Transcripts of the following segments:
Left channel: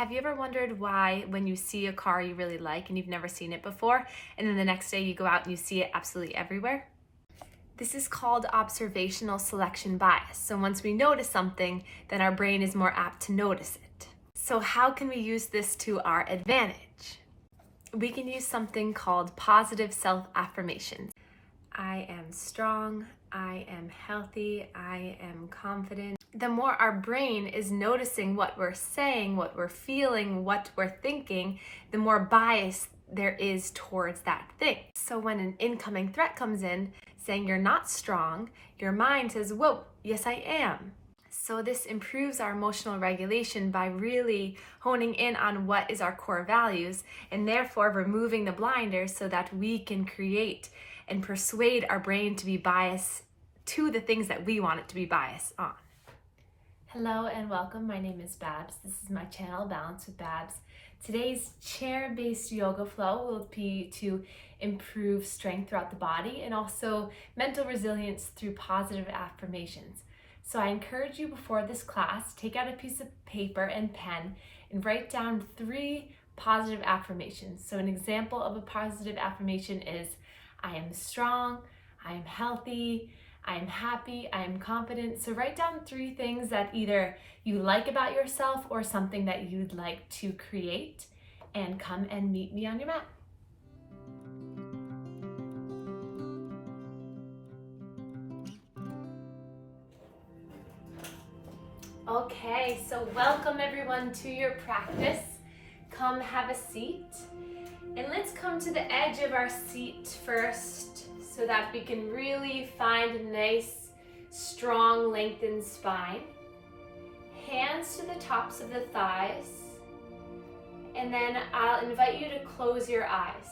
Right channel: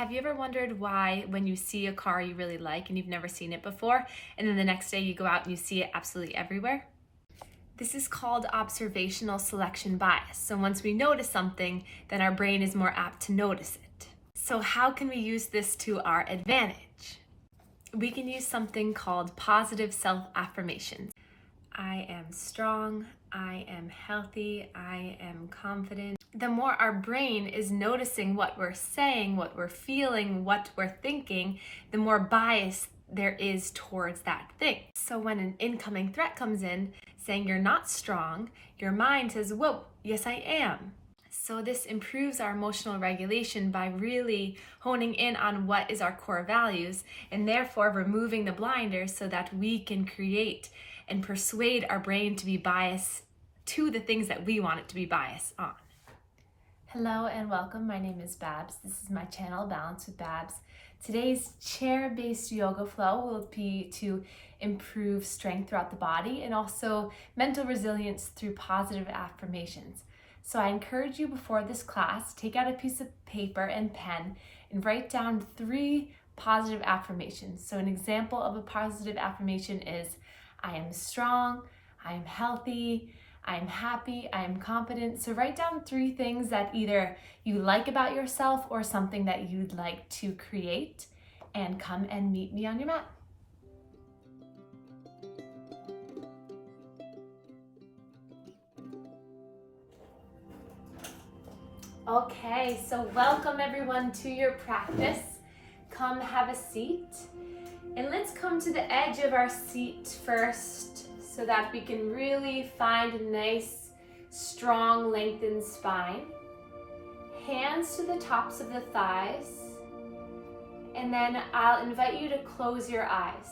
Have you ever wondered why when you see a car you really like and you've never seen it before, and then the next day you go out and you see it absolutely everywhere? This is called observational selection bias. So once we notice something, then our brain is more apt to notice it. So how can we use this to our advantage? We can use something called positive self-affirmations. I am strong, I am healthy, I am confident. The more our brain is noticing what we're saying, what we're feeling, what we're thinking, the more bias there is towards that thing. So when an incoming threat comes in saying you're not strong, your mind says, whoa, yes I am. So this improves our emotional regulation by really honing in on what is our core values and therefore removing the blinders so that we can create and persuade our brain to be biased to the things that we want it to be biased on. Hello and welcome. My name is Babz. This is my channel, Balance with Babz. Today's chair-based yoga flow will be to improve strength throughout the body and also mental resilience through positive affirmations. So I encourage you before this class, take out a piece of paper and pen and write down 3 positive affirmations. So an example of a positive affirmation is, I am strong, I am healthy, I am happy, I am confident. So write down 3 things that either you like about yourself or something that you'd like to create, and come and meet me on your mat. Okay, so welcome everyone to your practice. Come have a seat. And let's come to the edge of our seat first so that we can really find a nice, strong, lengthened spine. Hands to the tops of the thighs. And then I'll invite you to close your eyes.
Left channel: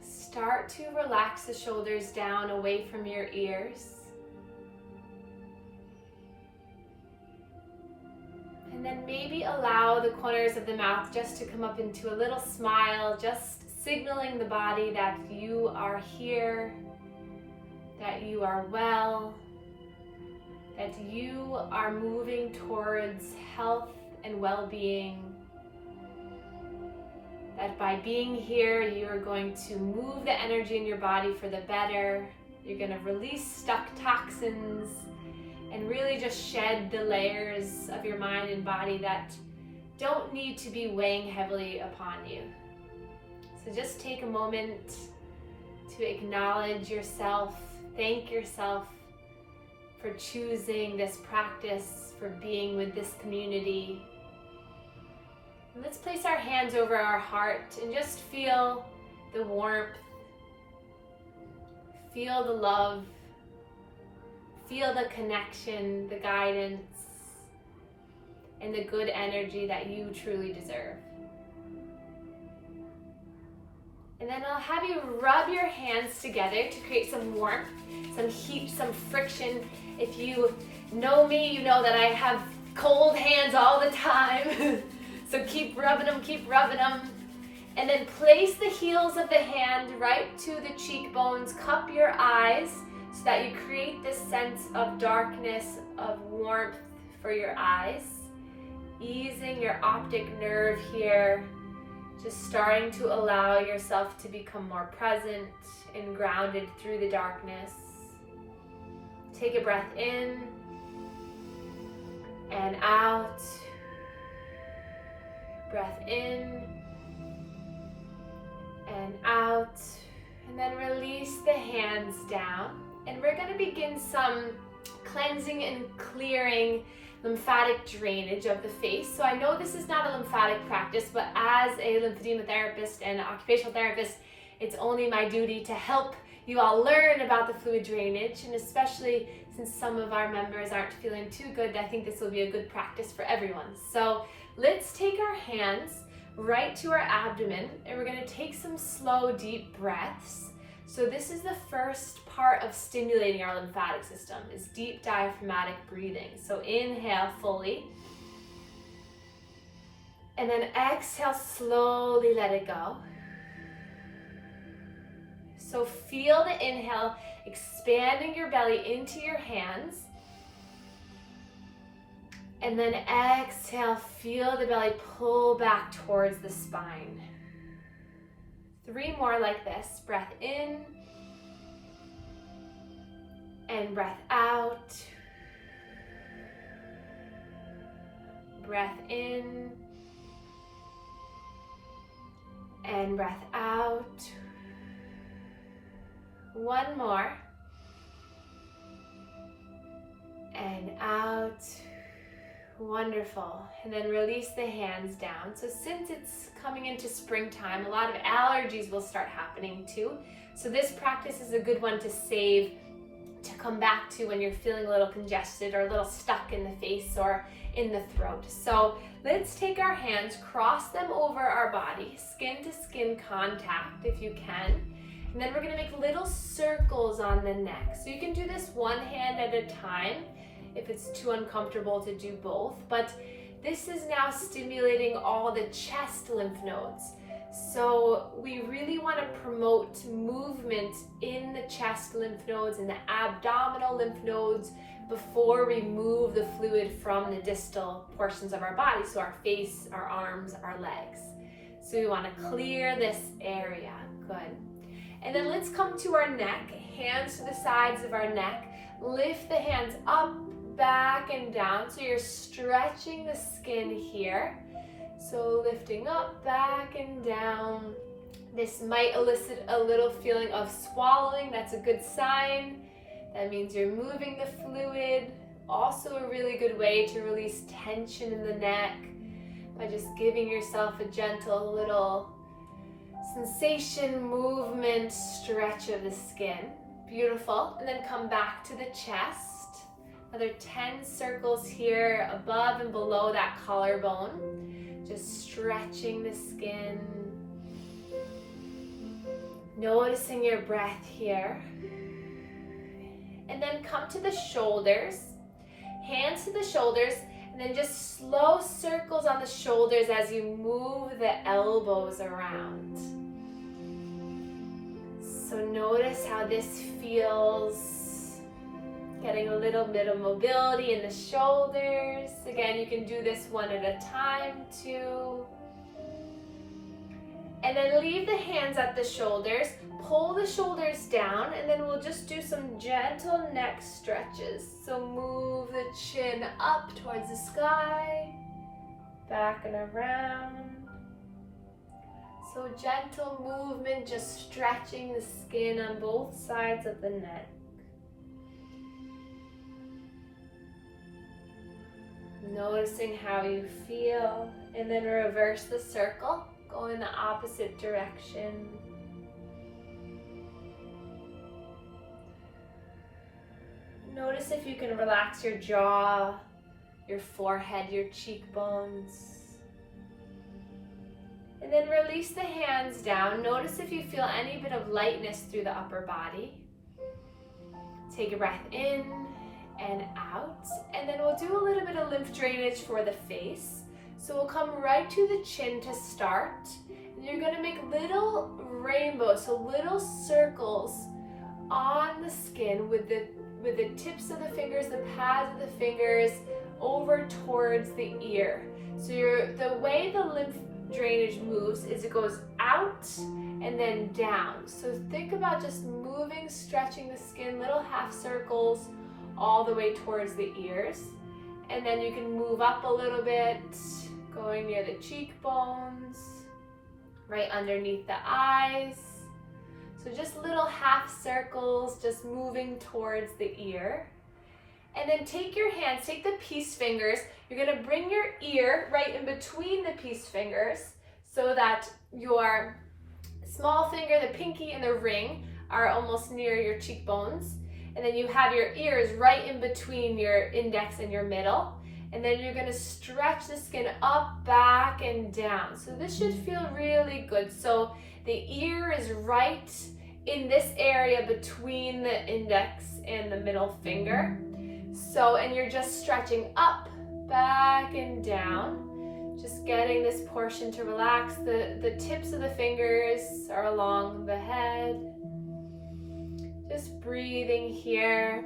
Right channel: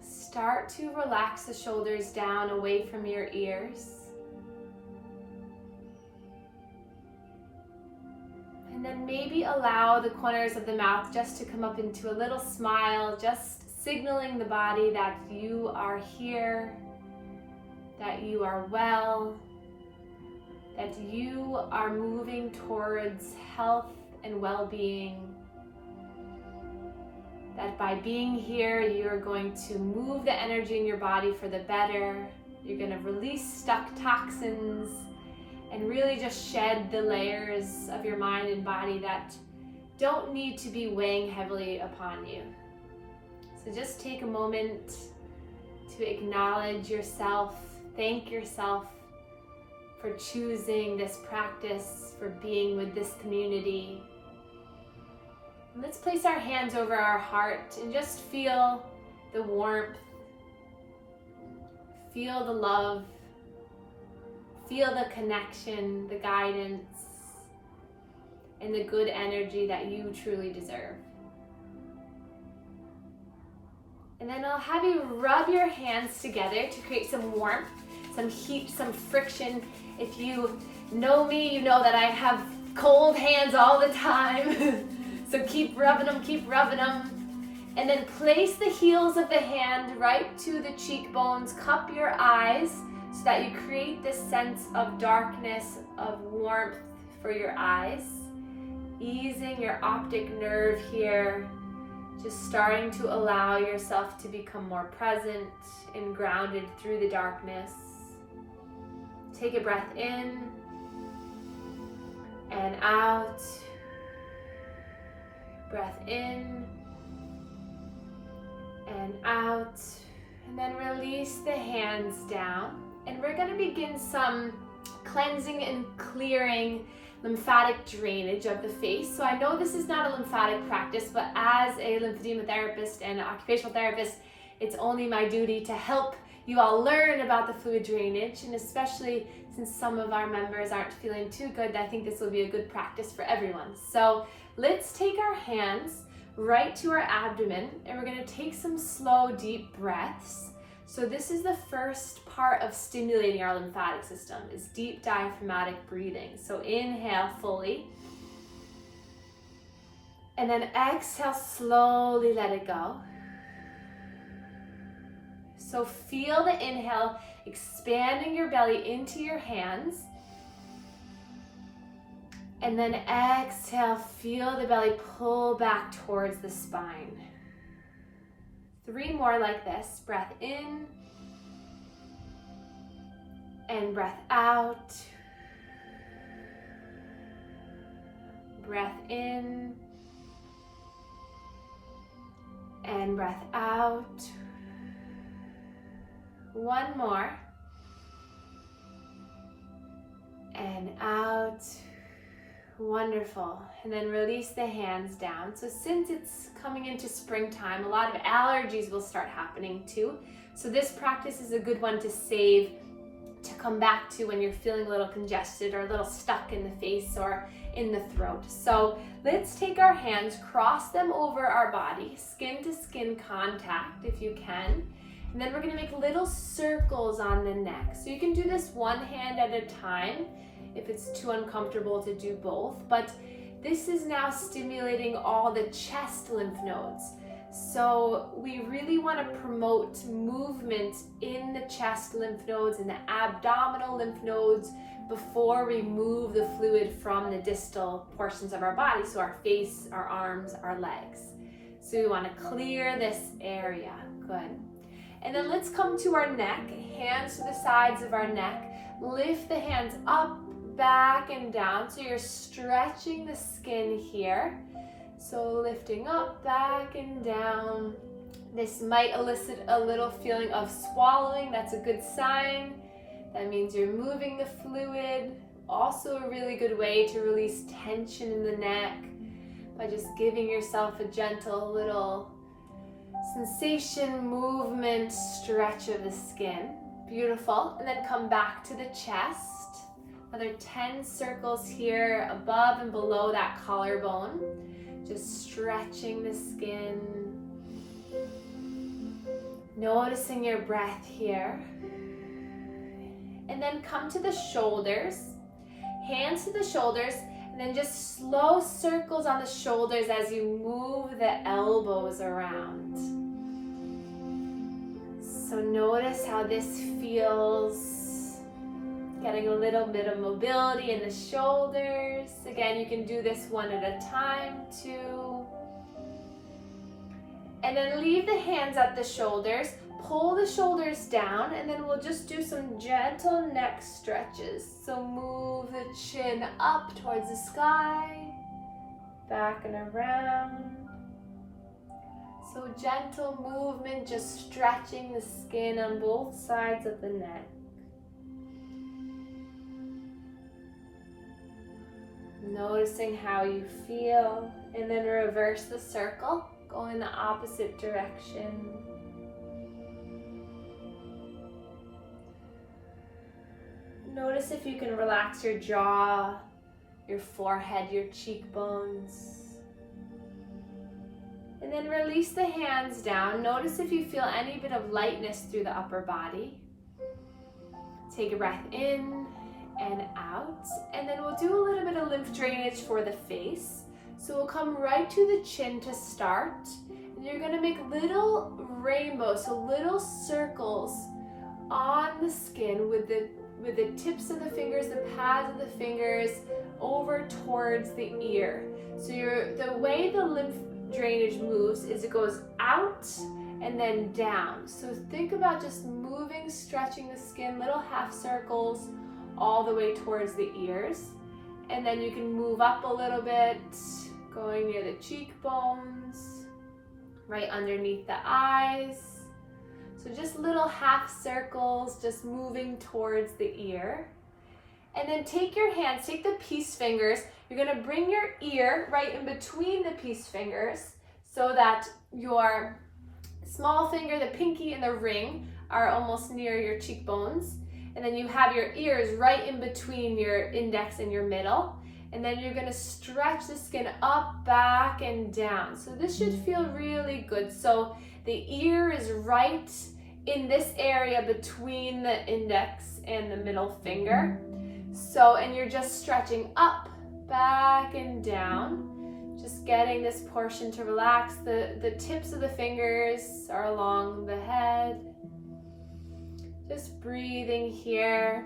Start to relax the shoulders down away from your ears. And then maybe allow the corners of the mouth just to come up into a little smile, just signaling the body that you are here, that you are well, that you are moving towards health and well-being, that by being here, you're going to move the energy in your body for the better. You're going to release stuck toxins and really just shed the layers of your mind and body that don't need to be weighing heavily upon you. So just take a moment to acknowledge yourself, thank yourself for choosing this practice, for being with this community. And let's place our hands over our heart and just feel the warmth, feel the love, feel the connection, the guidance, and the good energy that you truly deserve. And then I'll have you rub your hands together to create some warmth, some heat, some friction. If you know me, you know that I have cold hands all the time. So keep rubbing them, keep rubbing them. And then place the heels of the hand right to the cheekbones, cup your eyes, so that you create this sense of darkness, of warmth for your eyes. Easing your optic nerve here, just starting to allow yourself to become more present and grounded through the darkness. Take a breath in and out. Breath in and out. And then release the hands down. And we're going to begin some cleansing and clearing lymphatic drainage of the face. So I know this is not a lymphatic practice, but as a lymphedema therapist and occupational therapist, it's only my duty to help you all learn about the fluid drainage. And especially since some of our members aren't feeling too good, I think this will be a good practice for everyone. So let's take our hands right to our abdomen, and we're going to take some slow, deep breaths. So this is the first part of stimulating our lymphatic system, is deep diaphragmatic breathing. So inhale fully. And then exhale, slowly let it go. So feel the inhale, expanding your belly into your hands. And then exhale, feel the belly pull back towards the spine. 3 more like this. Breath in and breath out. Breath in and breath out. 1 more. And out. Wonderful. And then release the hands down. So since it's coming into springtime, a lot of allergies will start happening too. So this practice is a good one to save, to come back to when you're feeling a little congested or a little stuck in the face or in the throat. So let's take our hands, cross them over our body, skin to skin contact if you can. And then we're gonna make little circles on the neck. So you can do this one hand at a time if it's too uncomfortable to do both, but this is now stimulating all the chest lymph nodes. So we really want to promote movement in the chest lymph nodes and the abdominal lymph nodes before we move the fluid from the distal portions of our body, so our face, our arms, our legs. So we want to clear this area. Good. And then let's come to our neck, hands to the sides of our neck. Lift the hands up, back and down, so you're stretching the skin here. So lifting up, back and down. This might elicit a little feeling of swallowing. That's a good sign. That means you're moving the fluid. Also a really good way to release tension in the neck by just giving yourself a gentle little sensation, movement, stretch of the skin. Beautiful. And then come back to the chest. Another 10 circles here above and below that collarbone. Just stretching the skin. Noticing your breath here. And then come to the shoulders. Hands to the shoulders. And then just slow circles on the shoulders as you move the elbows around. So notice how this feels. Getting a little bit of mobility in the shoulders. Again, you can do this one at a time too. And then leave the hands at the shoulders. Pull the shoulders down, and then we'll just do some gentle neck stretches. So move the chin up towards the sky, back and around. So gentle movement, just stretching the skin on both sides of the neck. Noticing how you feel, and then reverse the circle, go in the opposite direction. Notice if you can relax your jaw, your forehead, your cheekbones. And then release the hands down. Notice if you feel any bit of lightness through the upper body. Take a breath in and out, and then we'll do a little bit of lymph drainage for the face. So we'll come right to the chin to start, and you're going to make little rainbows, so little circles on the skin with the tips of the fingers, the pads of the fingers over towards the ear. So the way the lymph drainage moves is it goes out and then down. So think about just moving, stretching the skin, little half circles all the way towards the ears. And then you can move up a little bit, going near the cheekbones, right underneath the eyes. So just little half circles, just moving towards the ear. And then take your hands, take the peace fingers. You're gonna bring your ear right in between the peace fingers so that your small finger, the pinky, and the ring are almost near your cheekbones. And then you have your ears right in between your index and your middle. And then you're gonna stretch the skin up, back, and down. So this should feel really good. So the ear is right in this area between the index and the middle finger. So, and you're just stretching up, back, and down. Just getting this portion to relax. The tips of the fingers are along the head. Just breathing here.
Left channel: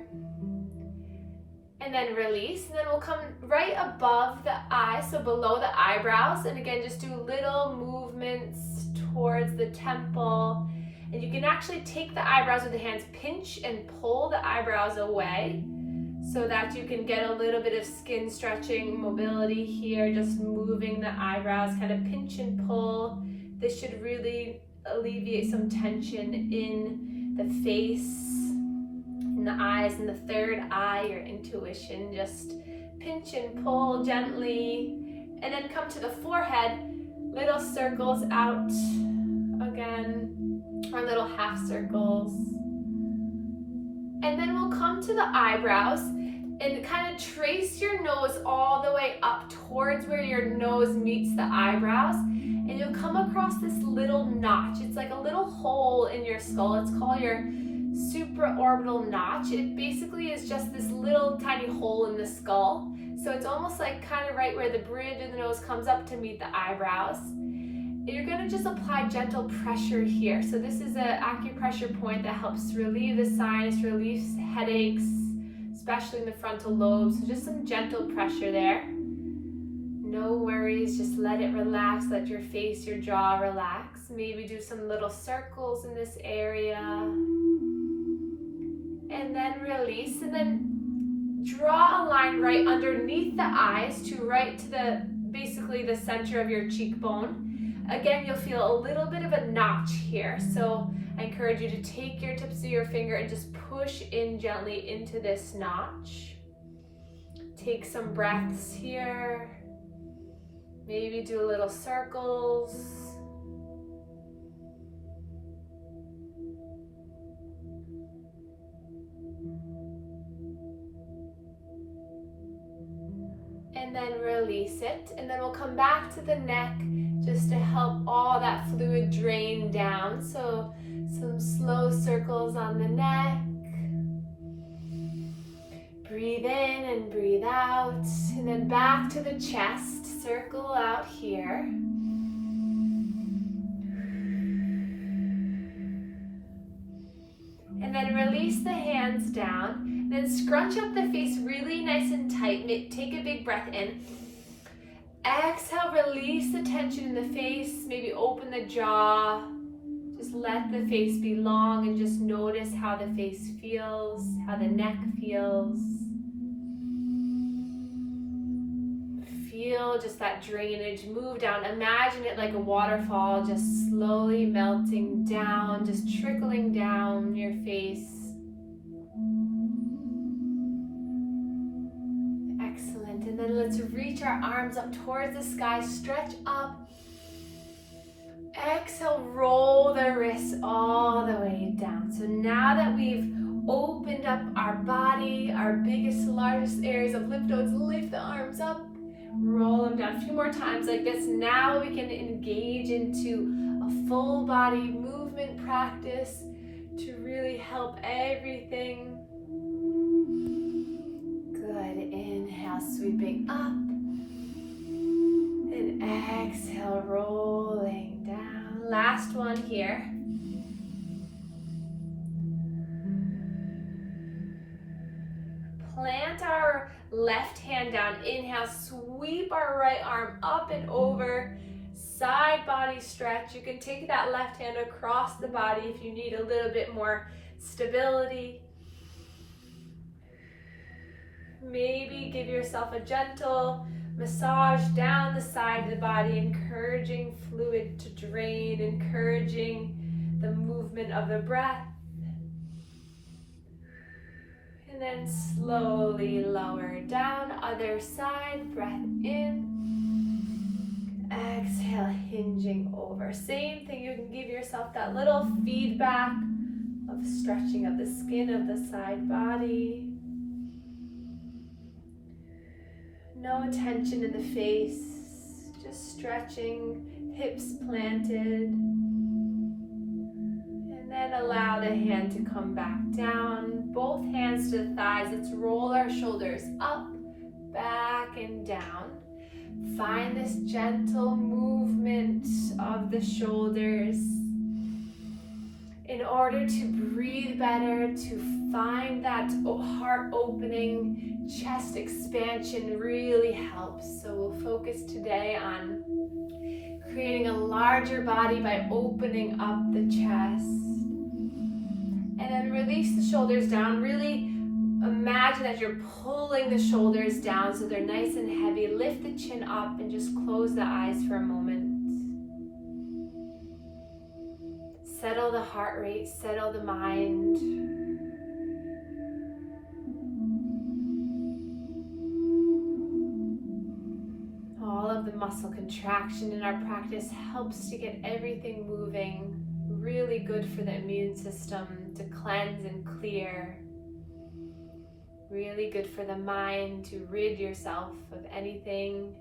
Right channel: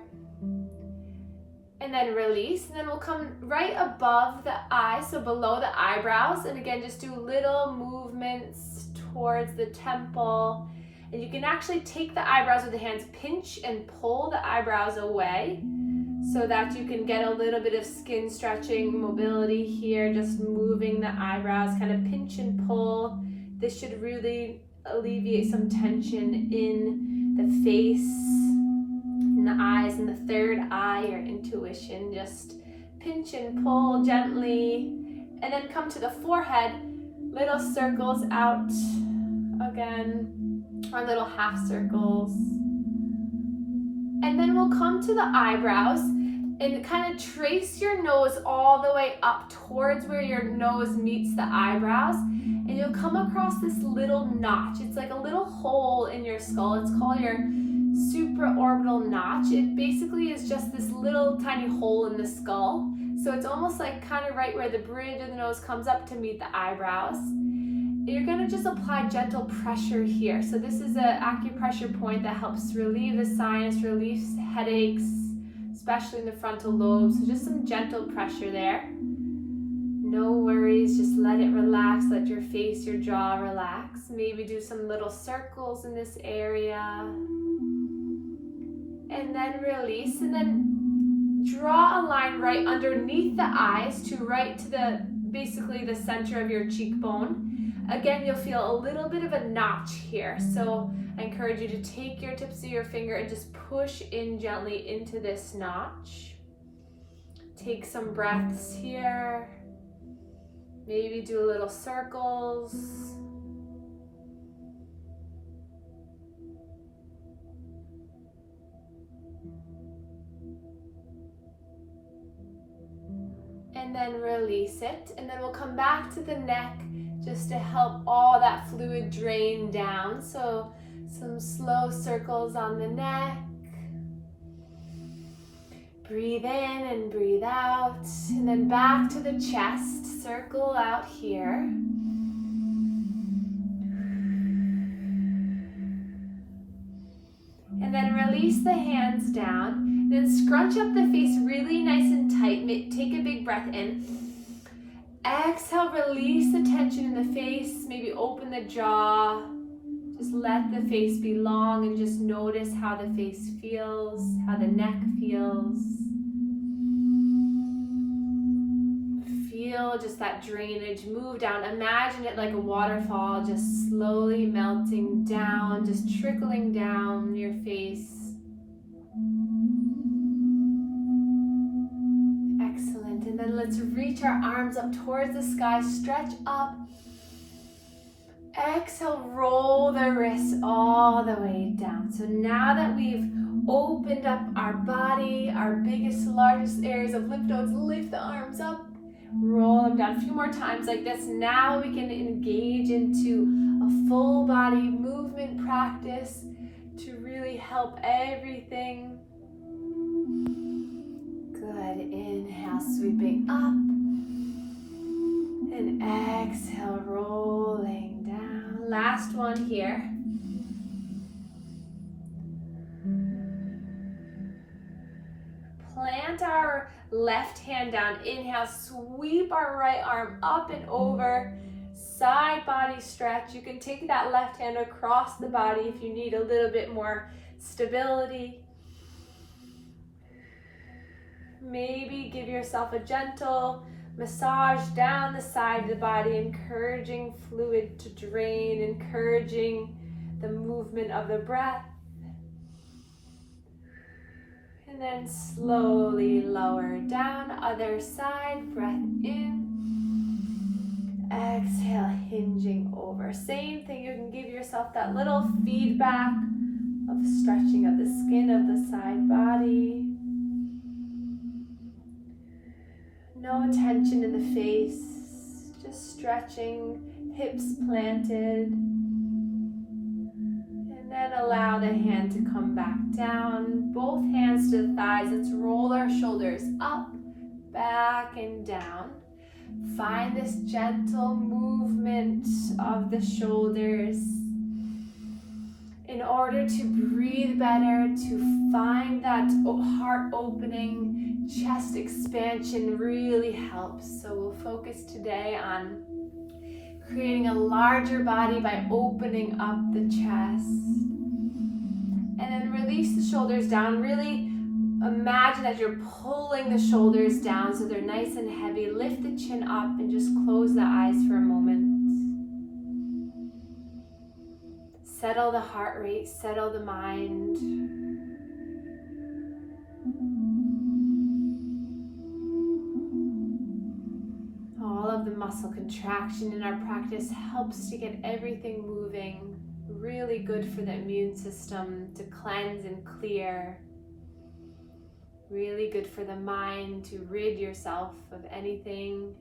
And then release, and then we'll come right above the eyes, so below the eyebrows, and again just do little movements towards the temple. And you can actually take the eyebrows with the hands, pinch and pull the eyebrows away so that you can get a little bit of skin stretching, mobility here, just moving the eyebrows, kind of pinch and pull. This should really alleviate some tension in the face, in the eyes, and the third eye, your intuition. Just pinch and pull gently, and then come to the forehead, little circles out again, or little half circles. And then we'll come to the eyebrows and kind of trace your nose all the way up towards where your nose meets the eyebrows, and you'll come across this little notch. It's like a little hole in your skull. It's called your supraorbital notch. It basically is just this little tiny hole in the skull. So it's almost like kind of right where the bridge of the nose comes up to meet the eyebrows. You're going to just apply gentle pressure here. So this is an acupressure point that helps relieve the sinus, relieves headaches, especially in the frontal lobe. So just some gentle pressure there. No worries, just let it relax, let your face, your jaw relax. Maybe do some little circles in this area. And then release, and then draw a line right underneath the eyes to right to the basically the center of your cheekbone. Again, you'll feel a little bit of a notch here. So I encourage you to take your tips of your finger and just push in gently into this notch. Take some breaths here. Maybe do little circles. And then release it. And then we'll come back to the neck just to help all that fluid drain down. So some slow circles on the neck. Breathe in and breathe out. And then back to the chest. Circle out here. And then release the hands down. Then scrunch up the face really nice and tight. Take a big breath in. Exhale, release the tension in the face. Maybe open the jaw. Just let the face be long and just notice how the face feels, how the neck feels. Feel just that drainage move down. Imagine it like a waterfall, just slowly melting down, just trickling down your face. Excellent. And then let's reach our arms up towards the sky, stretch up. Exhale, roll the wrists all the way down. So now that we've opened up our body, our biggest, largest areas of lymph nodes, lift the arms up, roll them down. A few more times like this. Now we can engage into a full body movement practice to really help everything. Good. Inhale, sweeping up. And exhale, rolling down. Last one here. Plant our left hand down. Inhale, sweep our right arm up and over. Side body stretch. You can take that left hand across the body if you need a little bit more stability. Maybe give yourself a gentle massage down the side of the body, encouraging fluid to drain, encouraging the movement of the breath. And then slowly lower down, other side, breath in. Exhale, hinging over. Same thing, you can give yourself that little feedback of stretching of the skin of the side body. No tension in the face, just stretching, hips planted. And then allow the hand to come back down, both hands to the thighs. Let's roll our shoulders up, back, and down. Find this gentle movement of the shoulders. In order to breathe better, to find that heart opening, chest expansion really helps. So we'll focus today on creating a larger body by opening up the chest. And then release the shoulders down. Really imagine that you're pulling the shoulders down so they're nice and heavy. Lift the chin up and just close the eyes for a moment. Settle the heart rate, settle the mind. All of the muscle contraction in our practice helps to get everything moving. Really good for the immune system to cleanse and clear. Really good for the mind to rid yourself of anything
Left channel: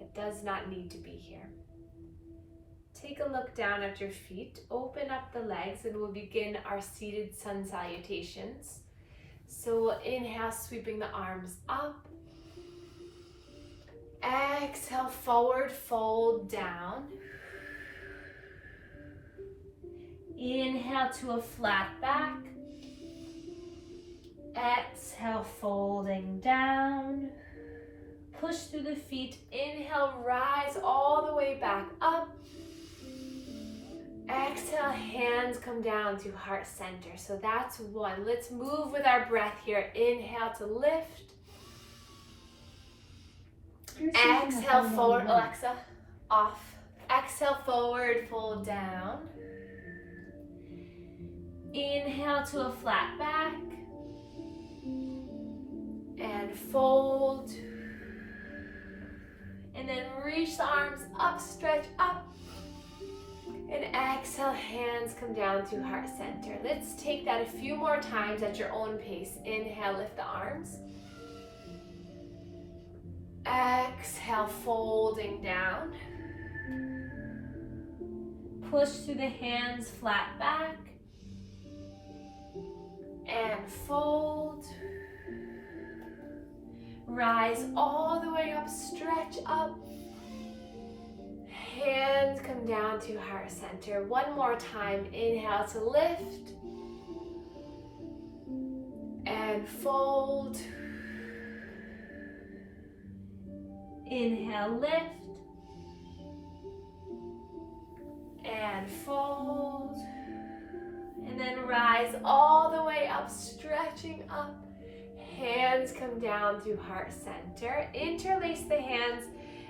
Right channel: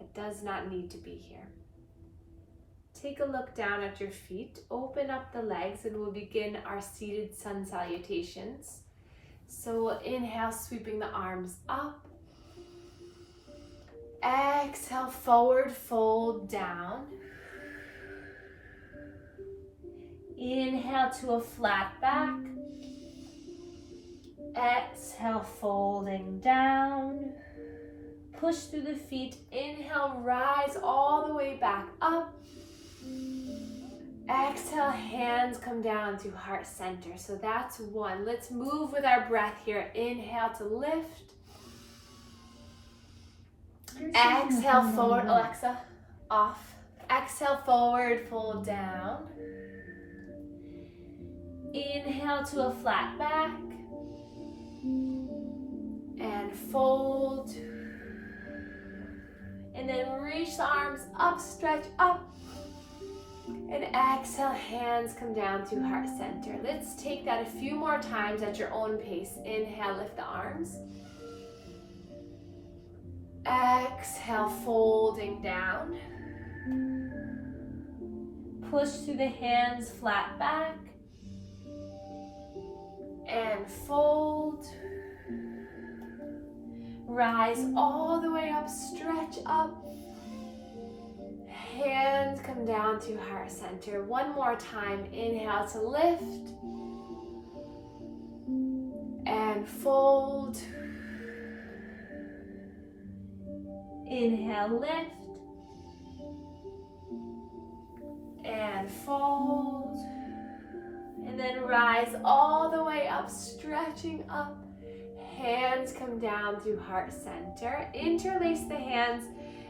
that does not need to be here. Take a look down at your feet, open up the legs, and we'll begin our seated sun salutations. So we'll inhale, sweeping the arms up. Exhale, forward fold down. Inhale to a flat back. Exhale, folding down. Push through the feet. Inhale, rise all the way back up. Exhale, hands come down to heart center. So that's one. Let's move with our breath here. Inhale to lift. Exhale, forward. Alexa, off. Exhale, forward, fold down. Inhale to a flat back. And fold. And then reach the arms up, stretch up. And exhale, hands come down to heart center. Let's take that a few more times at your own pace. Inhale, lift the arms. Exhale, folding down. Push through the hands, flat back. And fold. Rise all the way up, stretch up. Hands come down to heart center. One more time. Inhale to lift. And fold. Inhale, lift. And fold. And then rise all the way up, stretching up. Hands come down to heart center. Interlace the hands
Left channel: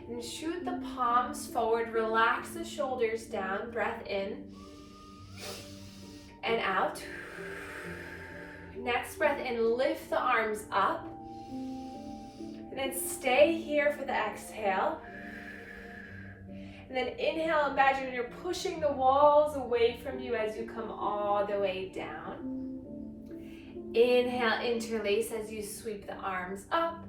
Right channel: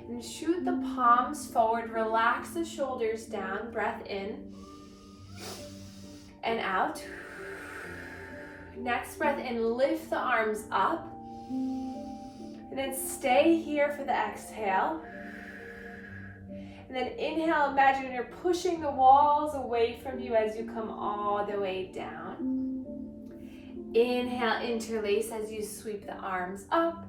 and shoot the palms forward. Relax the shoulders down. Breath in and out. Next breath in, lift the arms up. And then stay here for the exhale. And then inhale, imagine you're pushing the walls away from you as you come all the way down. Inhale, interlace as you sweep the arms up.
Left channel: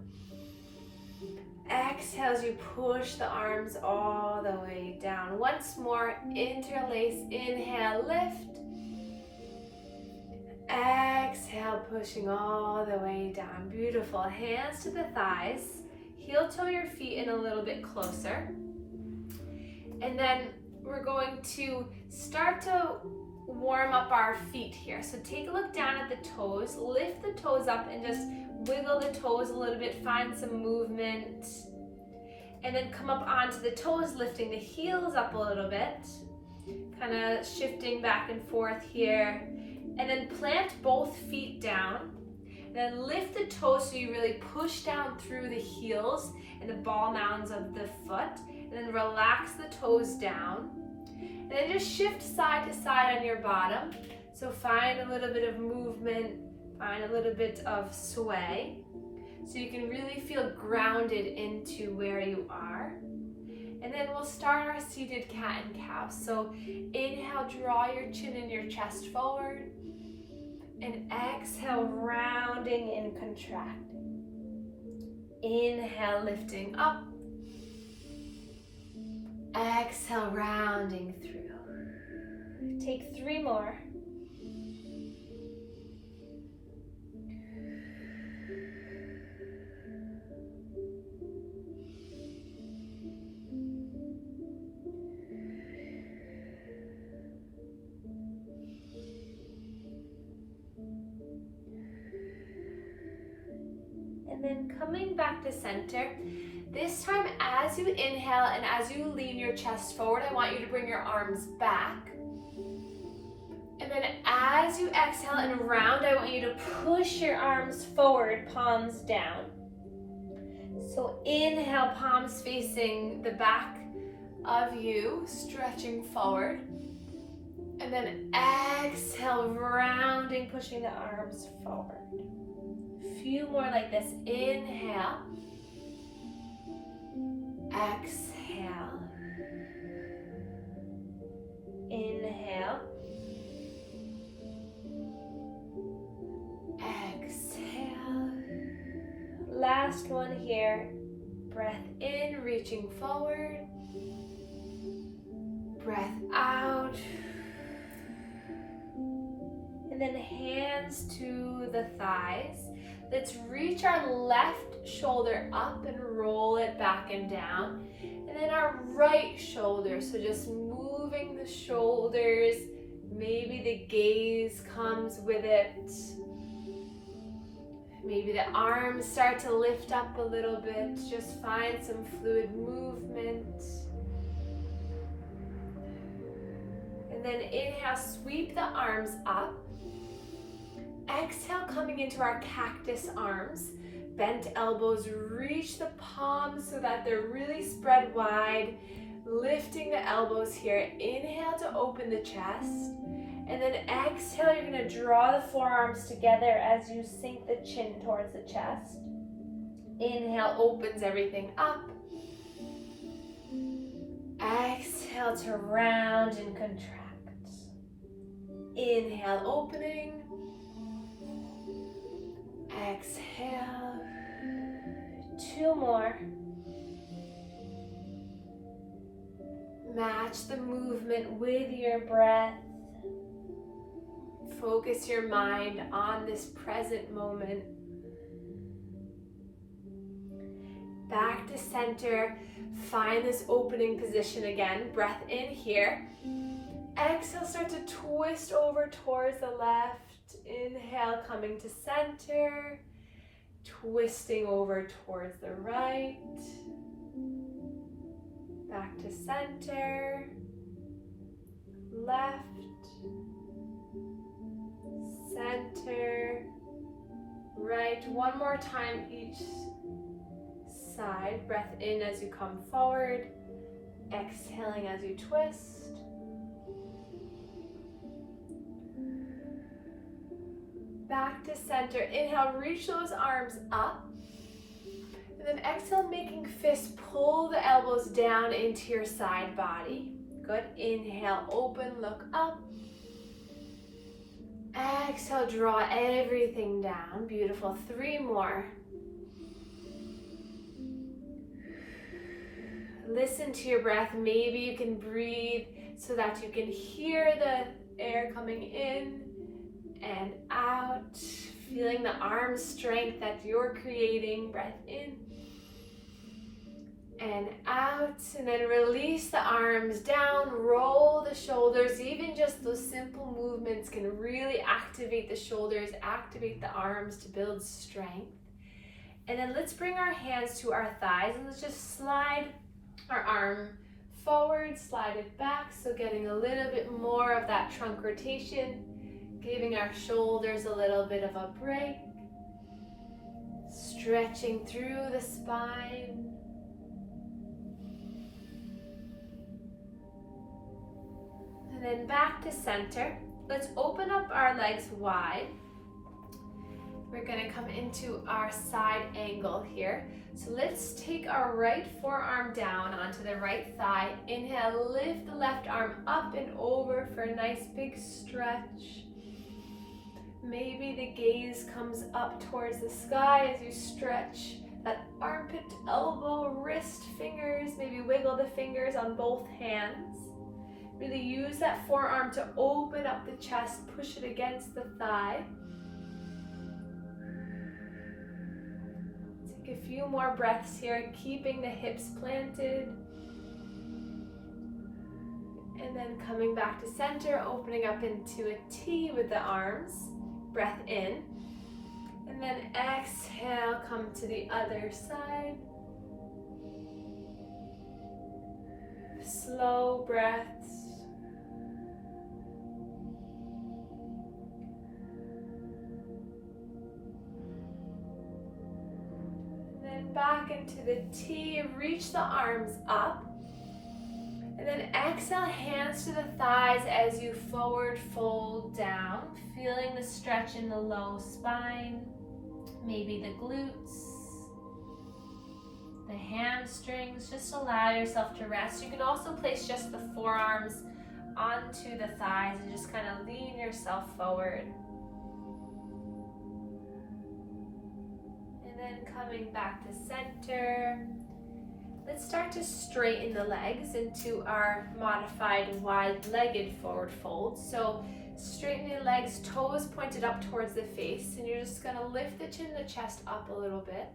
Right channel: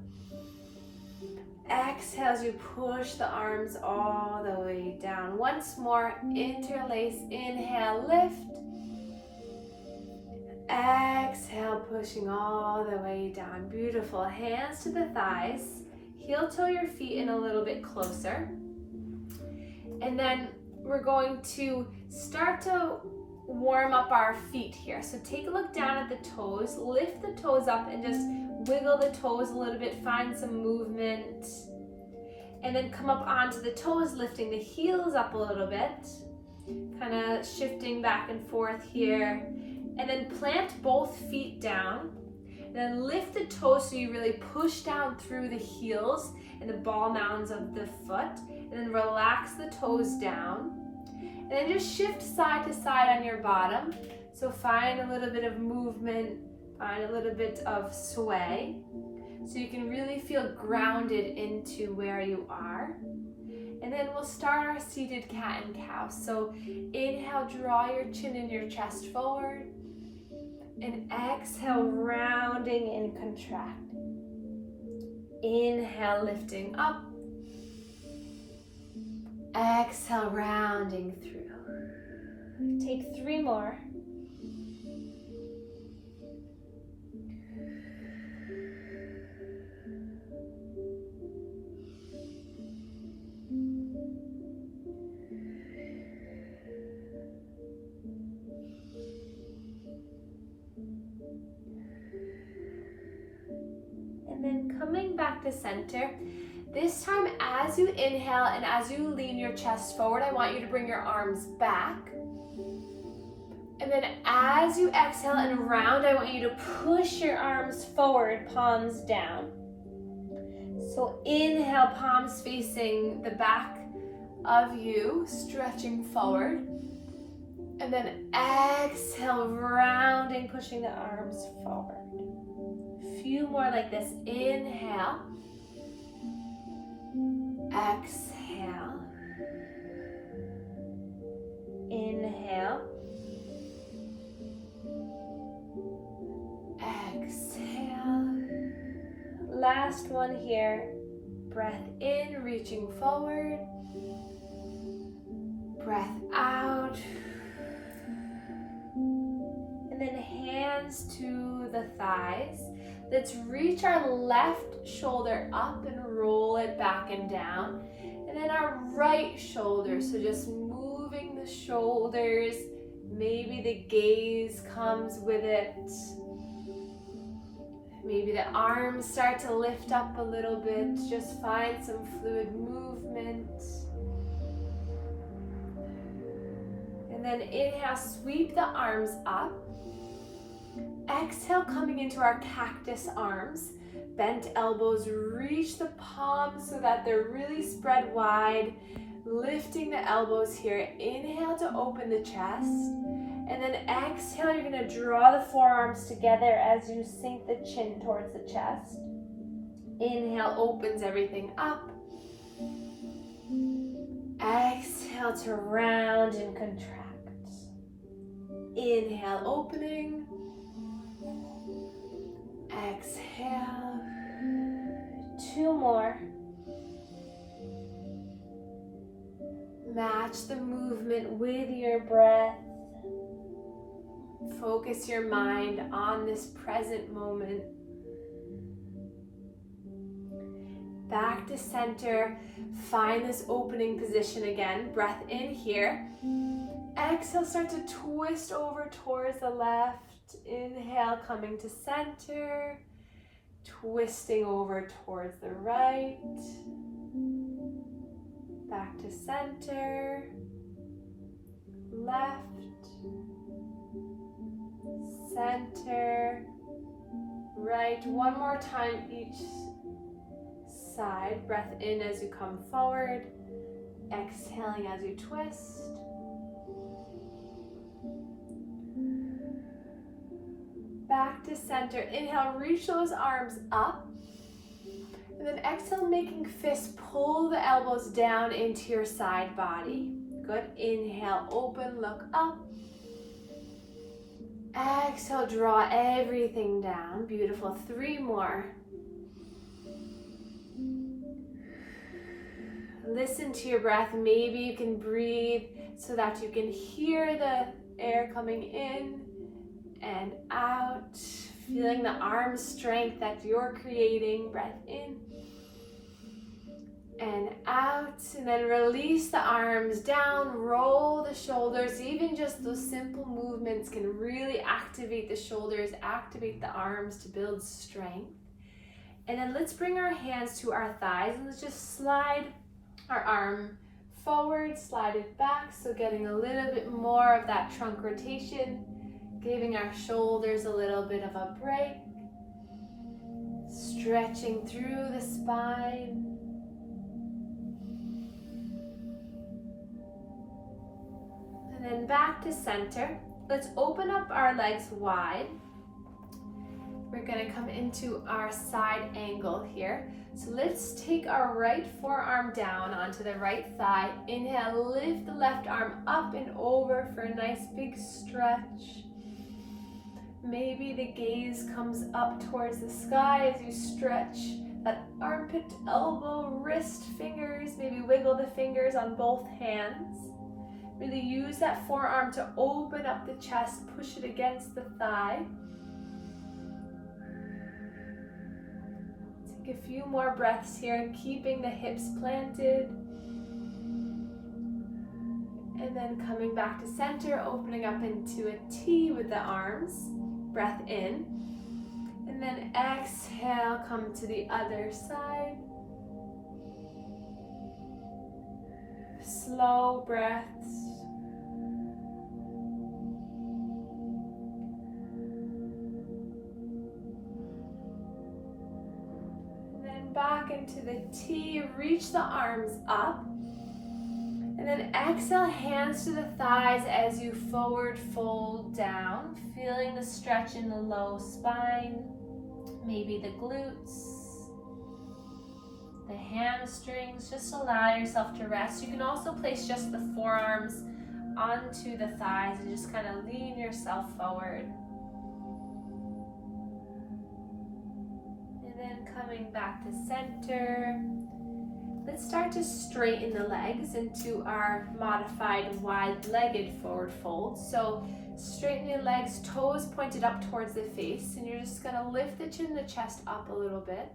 Exhale as you push the arms all the way down. Once more, interlace, inhale, lift. Exhale, pushing all the way down. Beautiful. Hands to the thighs. Heel toe your feet in a little bit closer. And then we're going to start to warm up our feet here. So take a look down at the toes, lift the toes up and just wiggle the toes a little bit, find some movement. And then come up onto the toes, lifting the heels up a little bit, kind of shifting back and forth here. And then plant both feet down. And then lift the toes so you really push down through the heels and the ball mounds of the foot. And then relax the toes down. And then just shift side to side on your bottom. So find a little bit of movement, find a little bit of sway. So you can really feel grounded into where you are. And then we'll start our seated cat and cow. So inhale, draw your chin and your chest forward. And exhale, rounding and contracting. Inhale, lifting up. Exhale, rounding through. Take 3 more. coming back to center. This time, as you inhale and as you lean your chest forward, I want you to bring your arms back. And then as you exhale and round, I want you to push your arms forward, palms down. So inhale, palms facing the back of you, stretching forward. And then exhale, rounding, pushing the arms forward. A few more like this. Inhale. Exhale. Inhale. Exhale. Last one here. Breath in, reaching forward. Breath out. And then hands to the thighs. Let's reach our left shoulder up and roll it back and down. And then our right shoulder, so just moving the shoulders. Maybe the gaze comes with it. Maybe the arms start to lift up a little bit. Just find some fluid movement. And then inhale, sweep the arms up. Exhale, coming into our cactus arms. Bent elbows, reach the palms so that they're really spread wide. Lifting the elbows here. Inhale to open the chest. And then exhale, you're gonna draw the forearms together as you sink the chin towards the chest. Inhale, opens everything up. Exhale to round and contract. Inhale, opening. Exhale. 2 more. Match the movement with your breath. Focus your mind on this present moment. Back to center. Find this opening position again. Breath in here. Exhale, start to twist over towards the left. Inhale, coming to center. Twisting over towards the right. Back to center. Left. Center. Right. One more time each side. Breath in as you come forward. Exhaling as you twist. Back to center. Inhale, reach those arms up. And then exhale, making fists, pull the elbows down into your side body. Good. Inhale, open, look up. Exhale, draw everything down. Beautiful. 3 more. Listen to your breath. Maybe you can breathe so that you can hear the air coming in and out. Feeling the arm strength that you're creating. Breath in and out. And then release the arms down. Roll the shoulders. Even just those simple movements can really activate the shoulders, activate the arms to build strength. And then let's bring our hands to our thighs and let's just slide our arm forward, slide it back. So getting a little bit more of that trunk rotation, giving our shoulders a little bit of a break. Stretching through the spine. And then back to center. Let's open up our legs wide. We're going to come into our side angle here. So let's take our right forearm down onto the right thigh. Inhale, lift the left arm up and over for a nice big stretch. Maybe the gaze comes up towards the sky as you stretch that armpit, elbow, wrist, fingers. Maybe wiggle the fingers on both hands. Really use that forearm to open up the chest, push it against the thigh. Take a few more breaths here, keeping the hips planted. And then coming back to center, opening up into a T with the arms. Breath in. And then exhale, come to the other side. Slow breaths. And then back into the T, reach the arms up. And then exhale, hands to the thighs as you forward fold down, feeling the stretch in the low spine, maybe the glutes, the hamstrings. Just allow yourself to rest. You can also place just the forearms onto the thighs and just kind of lean yourself forward. And then coming back to center. Let's start to straighten the legs into our modified wide-legged forward fold. So straighten the legs, toes pointed up towards the face, and you're just gonna lift the chin and the chest up a little bit.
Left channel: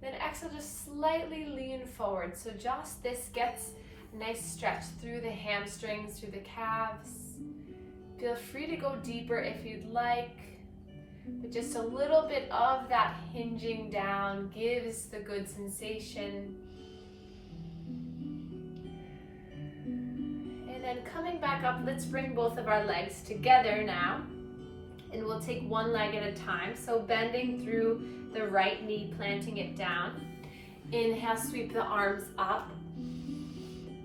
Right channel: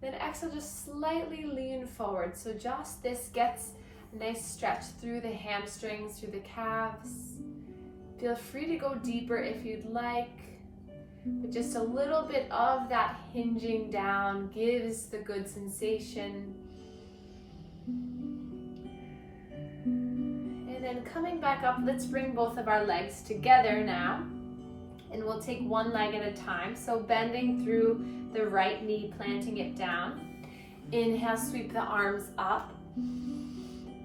Then exhale, just slightly lean forward. So just this gets a nice stretch through the hamstrings, through the calves. Feel free to go deeper if you'd like, but just a little bit of that hinging down gives the good sensation. And then coming back up, let's bring both of our legs together now. And we'll take one leg at a time. So bending through the right knee, planting it down. Inhale, sweep the arms up.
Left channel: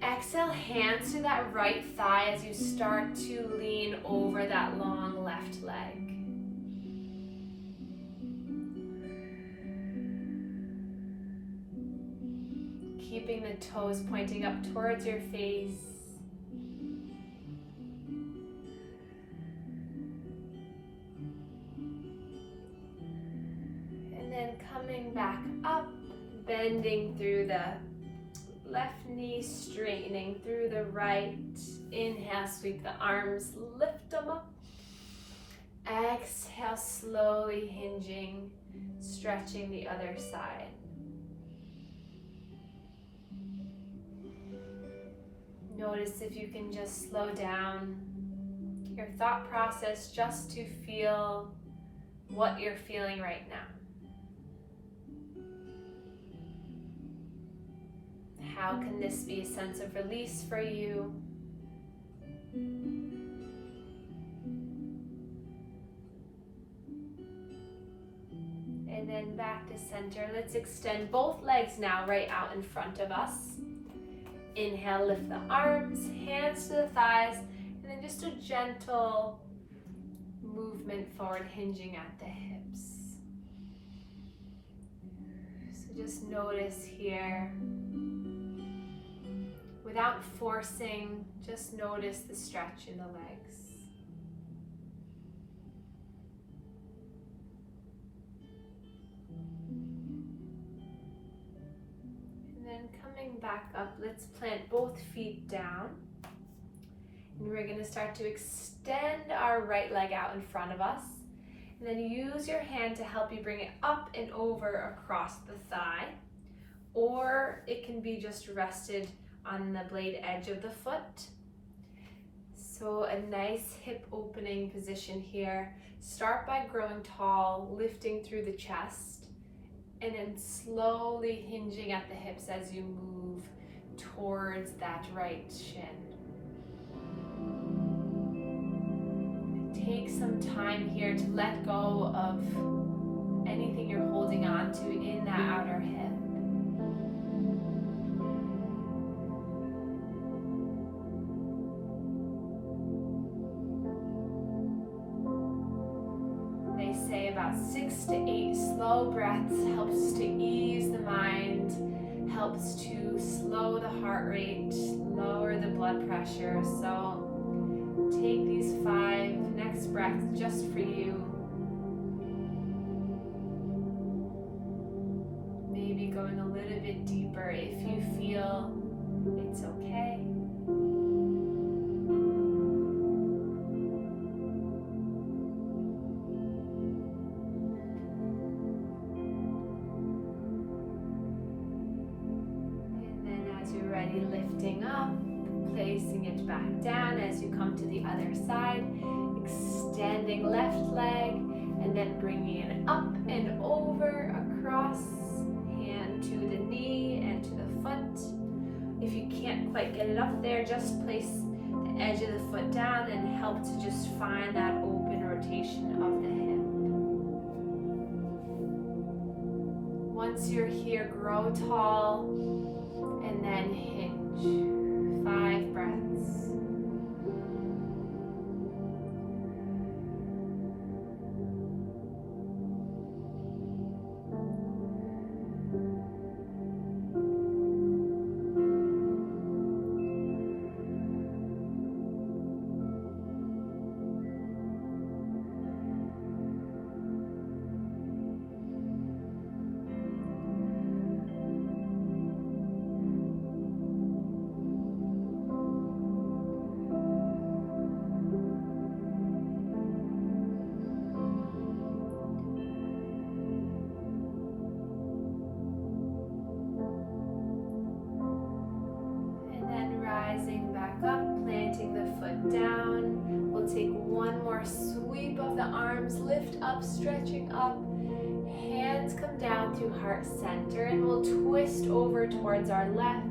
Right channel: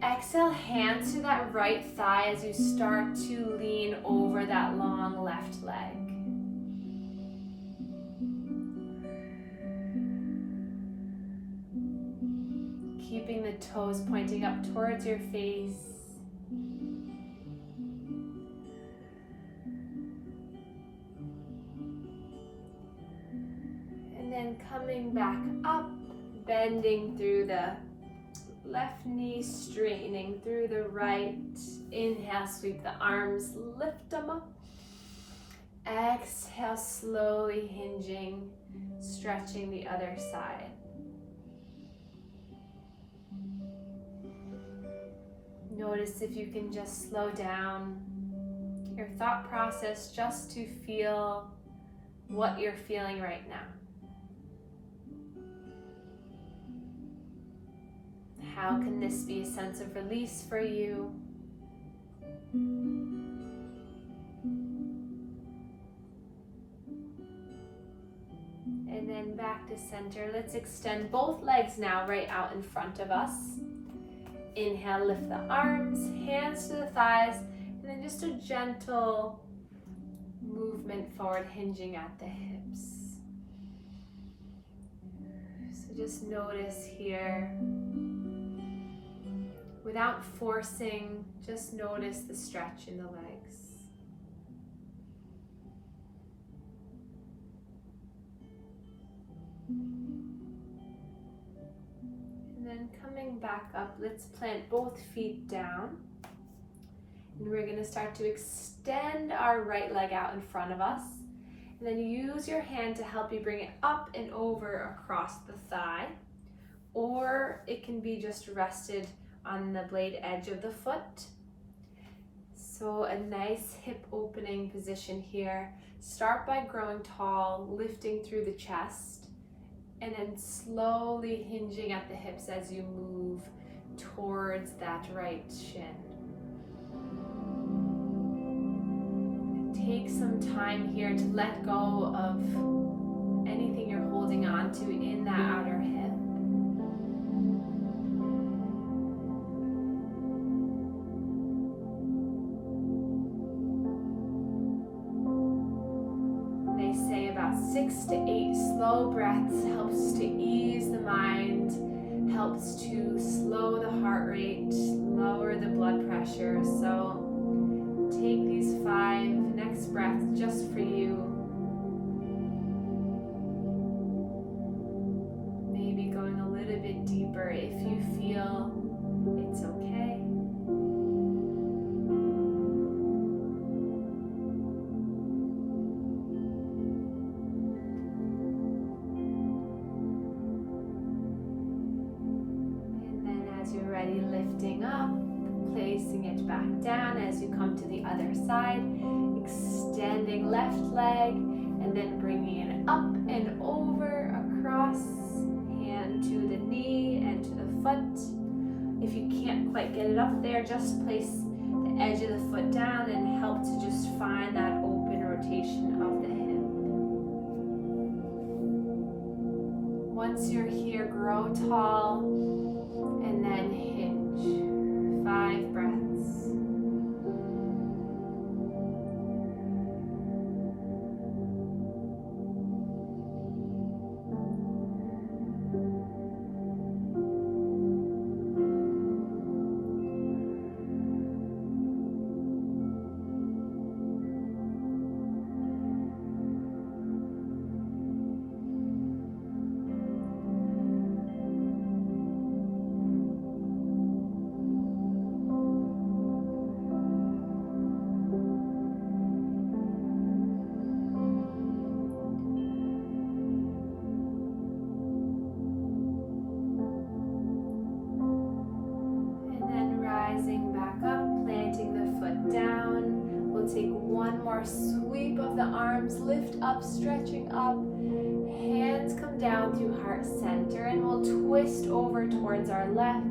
Exhale, hands to that right thigh as you start to lean over that long left leg. Keeping the toes pointing up towards your face. And then coming back up, bending through the left knee, straightening through the right. Inhale, sweep the arms, lift them up. Exhale, slowly hinging, stretching the other side. Notice if you can just slow down your thought process just to feel what you're feeling right now. How can this be a sense of release for you? And then back to center. Let's extend both legs now right out in front of us. Inhale, lift the arms, hands to the thighs, and then just a gentle movement forward, hinging at the hips. So just notice here, without forcing, just notice the stretch in the legs. Back up, let's plant both feet down, and we're going to start to extend our right leg out in front of us, and then use your hand to help you bring it up and over across the thigh, or it can be just rested on the blade edge of the foot. So a nice hip opening position here. Start by growing tall, lifting through the chest, and then slowly hinging at the hips as you move towards that right shin. Take some time here to let go of anything you're holding on to in that outer hip. They say about 6 to 8 slow breaths helps to ease the mind, helps to slow the heart rate, lower the blood pressure. So take these 5 next breaths just for you. Maybe going a little bit deeper if you feel it's okay. Ready, lifting up, placing it back down as you come to the other side, extending left leg, And then bringing it up and over, across, hand to the knee and to the foot. If you can't quite get it up there, just place the edge of the foot down and help to just find that open rotation of the hip. Once you're here, grow tall and then hinge. 5 breaths. Rising back up, planting the foot down. We'll take one more sweep of the arms, lift up, stretching up. Hands come down through heart center and we'll twist over towards our left.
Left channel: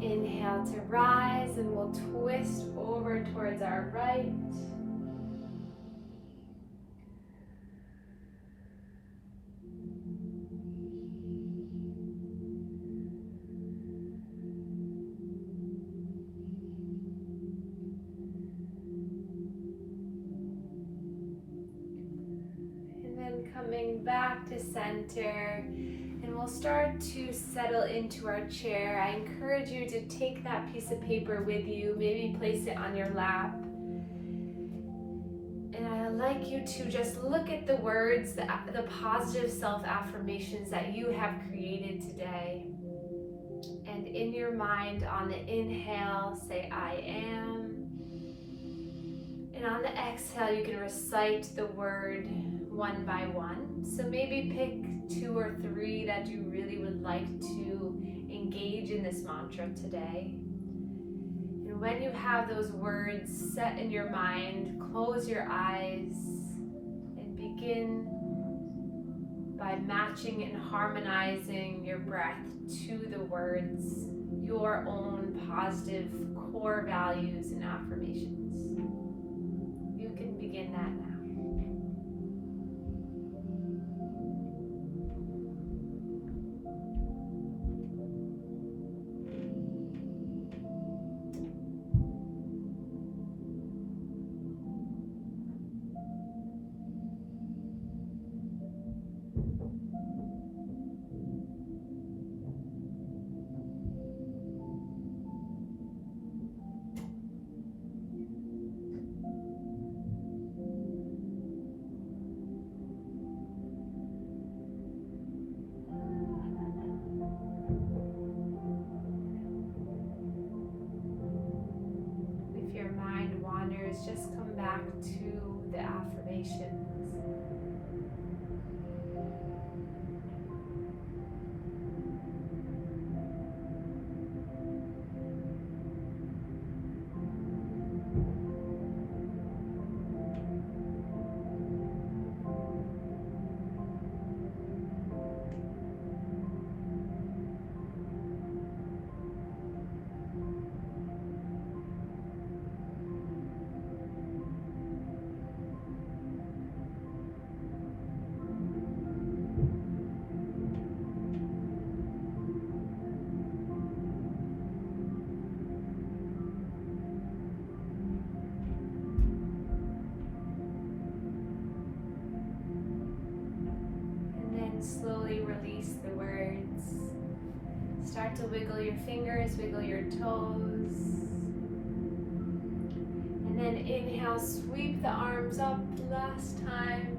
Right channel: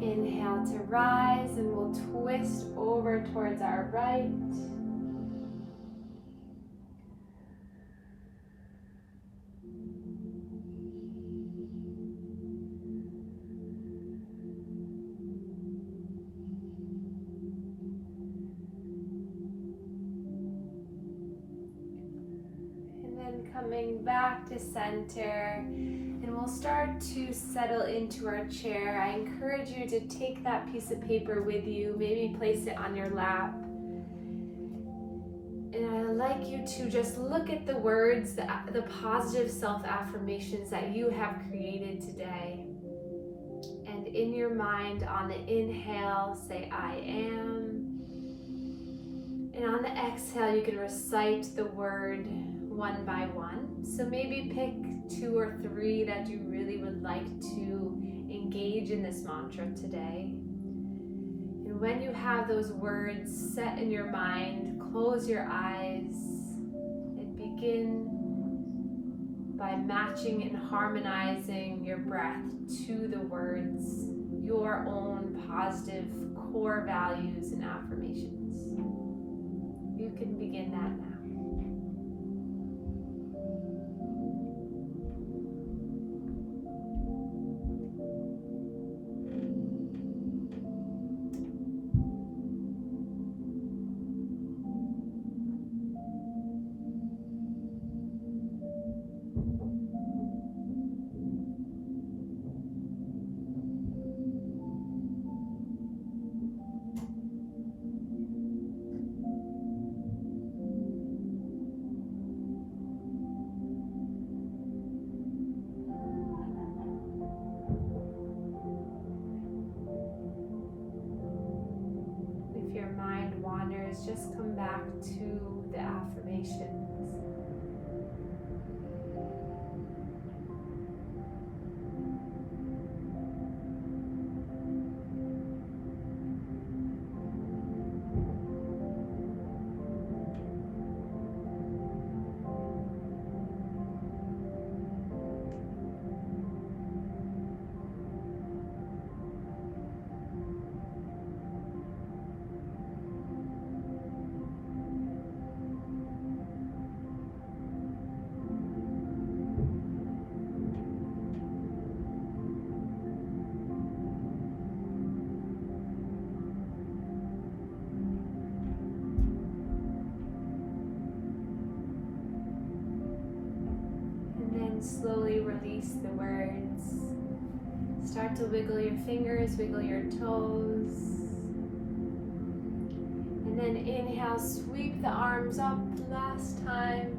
Inhale to rise and we'll twist over towards our right. And then coming back to center. We'll start to settle into our chair. I encourage you to take that piece of paper with you, maybe place it on your lap. And I'd like you to just look at the words, the positive self-affirmations that you have created today. And in your mind, on the inhale, say, I am. And on the exhale, you can recite the word one by one. So maybe pick 2 or 3 that you really would like to engage in this mantra today. And when you have those words set in your mind, close your eyes and begin by matching and harmonizing your breath to the words, your own positive core values and affirmations. You can begin that now. Just come back to the affirmations. Slowly release the words. Start to wiggle your fingers, wiggle your toes. And then inhale, sweep the arms up. Last time.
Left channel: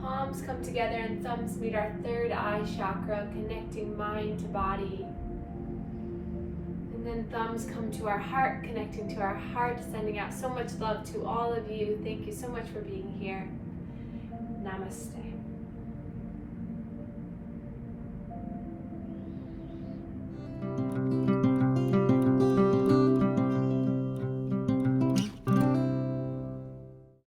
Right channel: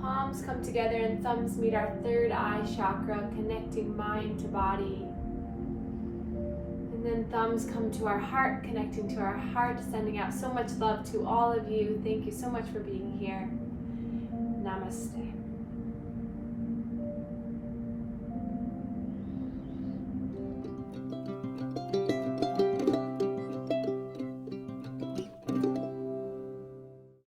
Palms come together and thumbs meet our third eye chakra, connecting mind to body. And And then thumbs come to our heart, connecting to our heart, sending out so much love to all of you. Thank you so much for being here. Namaste.